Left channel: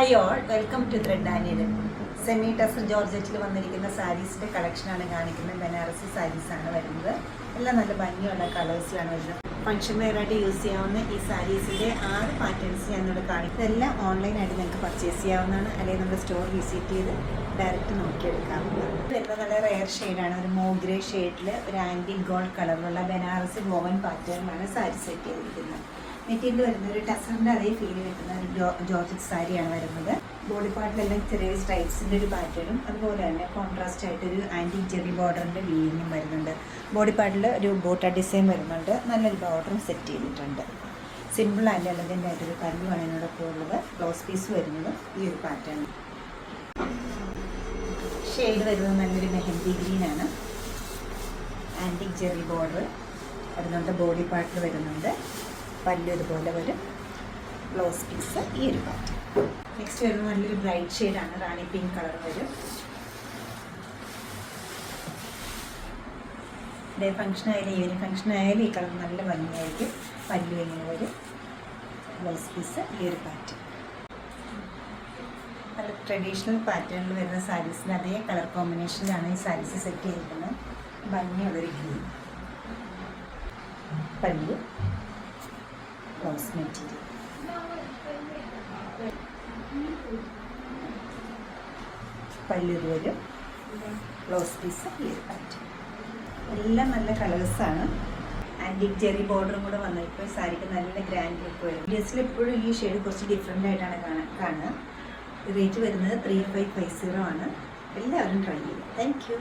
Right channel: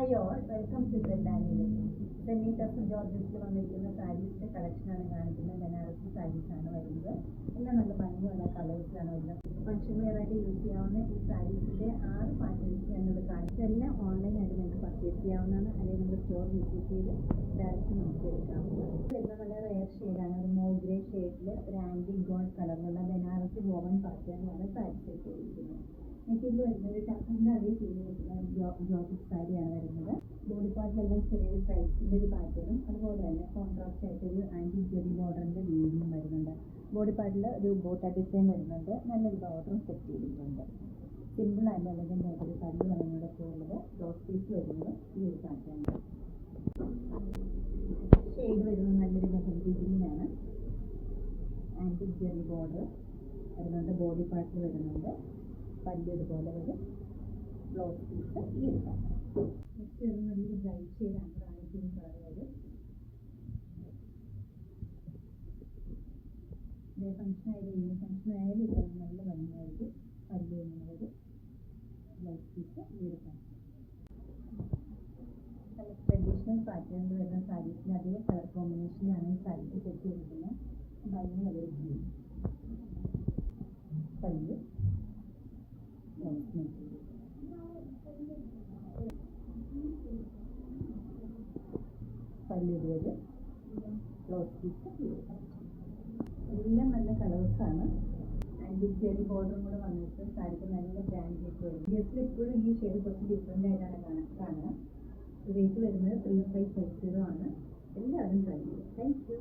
Hi all, welcome to thread Daniel. Semi tussar ജോർജറ്റിൽ വന്നിരിക്കുന്ന സാരീസിൻ്റെ കളക്ഷനാണ് കാണിക്കുന്നത്. ബനാറസി സാരീസാണ് വരുന്നത്. എല്ലാം നല്ല ഭംഗിയുള്ള കളേഴ്സിലാണ് വരുന്നത്. ഫംഗ്ഷൻ വെയറായിട്ട് യൂസ് ചെയ്യാവുന്ന ഈ സാരീസിൻ്റെ 6 പാറ്റേൺസ് ഞാനിവിടെ കാണിക്കുന്നത്. ഇതെല്ലാം ഓൺലൈനായിട്ട് നിങ്ങൾക്ക് പർച്ചേസ് ചെയ്യാവുന്നതാണ്, അല്ലെങ്കിൽ നമ്മുടെ സ്റ്റോർ വിസിറ്റ് ചെയ്ത് ഡയറക്റ്റ് നോക്കിയെടുക്കാവുന്നതാണ്. വരുന്നത് നല്ല റെയർ ഷെയ്ഡാണ്. ഒരു മോഗ്രേ ഷെയ്ഡിൽ ഒരു ആൻറ്റി ഗോൾഡ് കളറിലുള്ള ബനാറസി വോവൻ പാറ്റേണിലാണ് സാരി സെറ്റ് ചെയ്തിരിക്കുന്നത്. മെറ്റീരിയൽ വരുന്നത് ഒരു ടസറിൻ്റെ അതേ ഫീൽ കിട്ടുന്ന ഒരു ജോർജറ്റ് സാരിയാണ് വരുന്നത്. ബോഡി പാർട്ടിലെല്ലാം ചെറിയ സ്ട്രൈപ്സിൻ്റെ ഒരു പാറ്റേണും അതുപോലെ തന്നെ കോൺട്രാസ്റ്റ് ആയിട്ടൊരു ആൻറ്റി ജെറി ബോർഡറിൻ്റെ വീലിങ്ങും വരുന്നുണ്ട്. ബോഡി പാർട്ടിൽ ഒരു ബോട്ട ഡിസൈൻ വരുന്നുണ്ട്. നല്ലൊരു ബോർഡറും സെറ്റ് ചെയ്തിട്ടുണ്ട്. സിമ്പിൾ ആൻഡ് എലഗൻ്റ് ആയിട്ടൊരു കല്ലുമാണ് ഇതിനോടൊപ്പം ഉള്ളത്. ബ്ലൗസ് പീസ് വരുന്നത് ഈ ഒരു പാറ്റേൺ. ഷെയ്ഡ് വരുന്നത് നല്ലൊരു മെഹന്തി ഗ്രീനാണ്. ആൻറ്റി ജെറി ബോർഡർ വരുന്നുണ്ട്. ബോഡി പാർട്ടിൽ വരുന്നുണ്ട്. പല്ല് ഇതുപോലെ വരും. ബ്ലൗസ് പീസ് ഈ ഒരു പാറ്റേൺ. നെക്സ്റ്റ് വരുന്നത് നല്ലൊരു ബ്രൈറ്റ് ഷെയ്ഡാണ്. റാണി പിങ്ക് കളർ വരും. ഡേ ഫംഗ്ഷൻ ആയാലും ഈവനിങ് ഫംഗ്ഷൻ ആയാലും ഈ കളർ നല്ല ഭംഗിയായിരിക്കും. പല്ല് ഇങ്ങനെ വരും. ബ്ലൗസ് പീസ് ഈ ഒരു പാറ്റേൺ. നല്ല ട്രഡീഷണൽ പാറ്റേണിൽ വരുന്ന സാരീസിന് അതേ കളർ കോമ്പിനേഷനിലാണ് ഈ സാരീസ് സെറ്റ് ചെയ്തിരിക്കുന്നത്. ഭംഗിയുള്ളൊരു ഗ്രീൻ. പല്ല്, ബ്ലൗസ് മെറ്റീരിയൽ. പല്ല് വരും. ബ്ലൗസ് പീസ് ഈ ഒരു പാറ്റേൺ. എല്ലാം നല്ല കളേഴ്സാണ്. ആൻറ്റിക് ജെറി ബോർഡറും കൂടെ വന്നപ്പോൾ സാരിക്ക് നല്ല ഗ്രാൻഡ് ലുക്ക് വരും. ഡ്രസ്സിൽ എപ്പോഴും ഈ ഷെയ്ഡ് കുറച്ച് ഡിഫറെൻ്റ് ആയിട്ടാണ് കാണുക. റേറ്റ് വരുന്നത് 3550 ആണ്. എല്ലാവരും ട്രൈ ചെയ്യും. Thank you.